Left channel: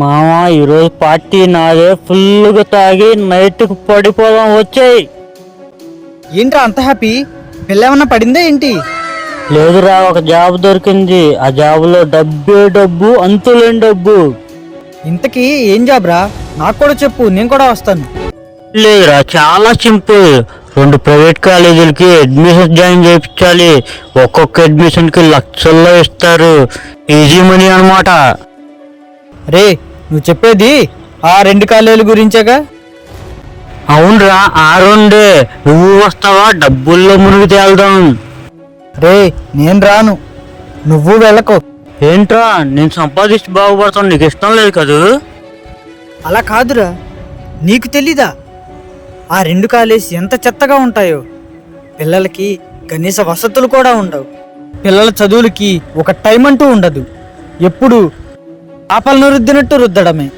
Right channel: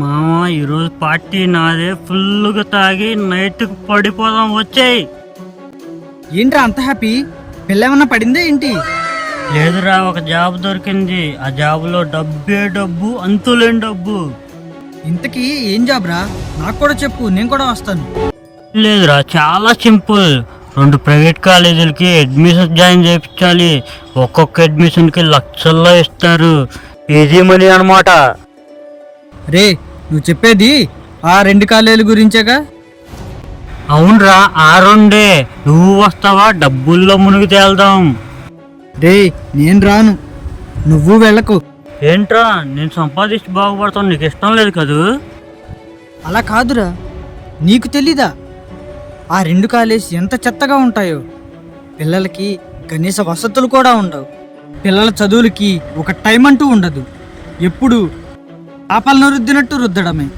మామ ఈరోజు పార్టీ నాదే, ఫుల్గా తాగి నైట్కి పడిపోదాం వచ్చేయి. ఏంట్రా అంత హ్యాపీ? పిల్లేమన్నా పడిందే ఏంటి? లేదురా, ఒక జాబ్ దొరికింది. ఆ జాబులో డబ్బే డబ్బు, అంతులేని డబ్బు. ఇంతకీ ఏం జాబ్ రా? నాకు కూడా చెప్పు, నేను కూడా వస్తాను. లేదురా, చాలా సింపుల్. 2 ప్రైవేట్ కాలేజీలకి అడ్మిషన్ జాయిన్ చేయించాలి. ఒక్కొక్క అడ్మిషన్కి లక్షల్లో ఇస్తారు. ఈజీ మనీ అనమాట. రే, నువ్వు చెప్పేది ఆ 2 కాలేజీల గురించేగా? అవునరా, ఆ 2 నువ్వు వస్తావా? డబ్బుల్లో మునిగి తేల్దాం. రే, నేను రాను, నువ్వు వెళ్ళకు. ఏంట్రా, నేను సంపాదించి బాగుపడతాను, నీకు ఇష్టం లేదు కదూ? అలా కాదురా, నీకు తెలీదా ఆ 2 కాలేజీ ఎంత చెత్తగా ఉంటాయో? పిల్లలకి కనీస వసతులు కూడా ఉండవు. పిల్లల చదువులకి ఒక టైం అంటూ ఉండదు. ఎప్పుడు ఆపలను రుద్దినట్టు రుద్దడమే.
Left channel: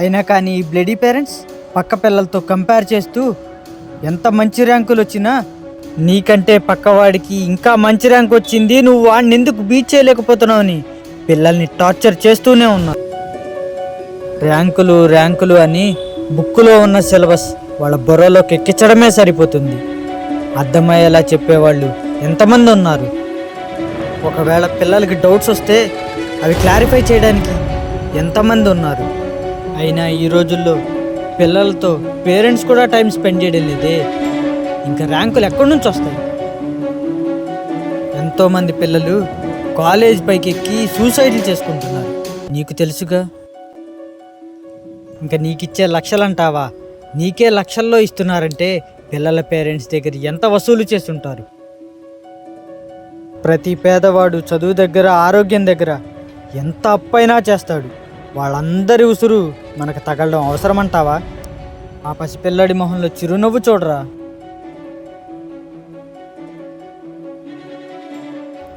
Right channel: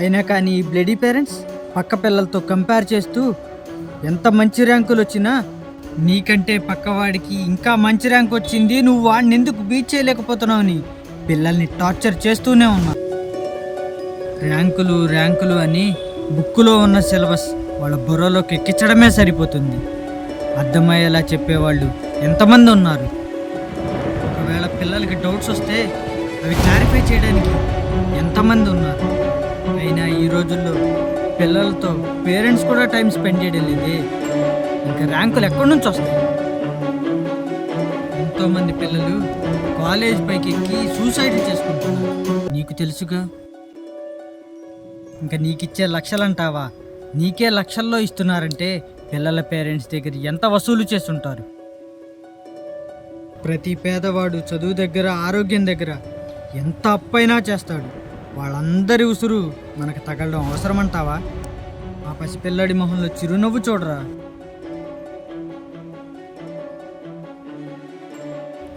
అయినా కానీ ఈ బ్లడీ పేరెంట్స్ పక్క పిల్లలతో కంపేర్ చేస్తూ ఎంత మంచి ర్యాంకులు వచ్చినా నీకంటే పక్కవాడికి ఇంకా మంచి ర్యాంక్ వచ్చింది, నువ్వు వాడిని ఎందుకు బీట్ చేయలేకపోతున్నావు అని పిల్లల్ని టార్చర్ చేస్తూనే ఉన్నారు. ర్యాంకులు ర్యాంకులు అని బుక్కులో ఉన్న సిలబస్ వాళ్ళ బుర్రలోకి ఎక్కించడమే సరిపోతుంది. అర్థమయ్యేలా చెప్పేవాళ్ళు ఎంతమంది ఉన్నారు? ఒకవేళ పిల్లలకి డౌట్స్ వస్తే అవి క్లారిఫై చేయడానికి ఎంతమంది ఉన్నారు? అయినా ఈ రోజుల్లో పిల్లలతో పేరెంట్స్ కూడా టైం స్పెండ్ చేయడం లేదే, ఇంకా ర్యాంకులు ఎక్కడి నుంచి వస్తాయి? ఎంతోమంది పిల్లలు కాలేజ్ పైకి ఎక్కి సూసైడ్లు చేసుకుంటున్నారు, నీకు తెలుసుగా. ఇంకా నీకిచ్చే లక్షలంటావా? నీకే లక్షల్లో ఇస్తున్నారంటే పిల్లల పేరెంట్స్ దగ్గర ఎంత వసూలు చేస్తుంటారు? ప్రతి పేదవాడు చదువు దగ్గర, ఆరోగ్యం దగ్గర ఎంత అప్పైనా చేస్తాడు. వాళ్ళందరి ఉసురు మనకు తగలడం అవసరమంటావా? ఆ పసిపిల్లడి మొహంలో చిరునవ్వు చూడరా.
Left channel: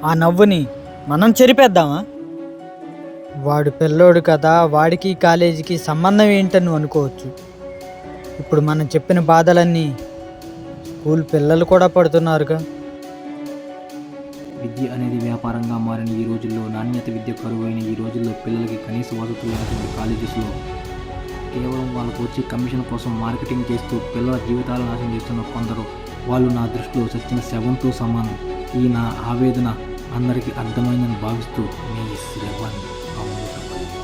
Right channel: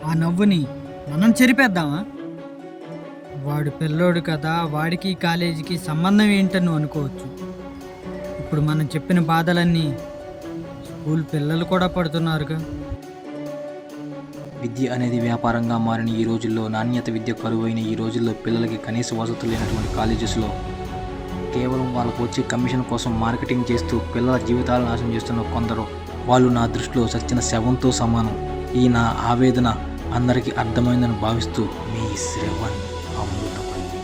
ఆ నవ్వుని మనం చెరిపేద్దామా? వాడు పిల్లోడు కదా, వాడికి కాలేజీకి సంబంధం ఏంటని నువ్వు అనుకోవచ్చు. ఇప్పుడు మనం చెప్పిన బాధలన్నీ స్కూల్ పిల్లలు కూడా పడుతున్నారుగా. విద్య అనేది వ్యాపారంగా మారిన ఈ రోజుల్లో, నాణ్యత విద్య కరువైన ఈ రోజుల్లో పిల్లలకి కనీస వసతులు లేనటువంటి కాలేజెస్లో కేవలం వాళ్ళకు వచ్చే కమిషన్ కోసం మార్కెటింగ్ చేస్తూ పిల్లల జీవితాలను నాశనం చేస్తున్న కొందరు, వాళ్ళు నా దృష్టిలో చచ్చిన శవంతో సమానం. ఈ నా ఆవేదన అందరికీ అర్థమైందని భావిస్తూ మీ శ్రవణ్ అమృతపల్లి.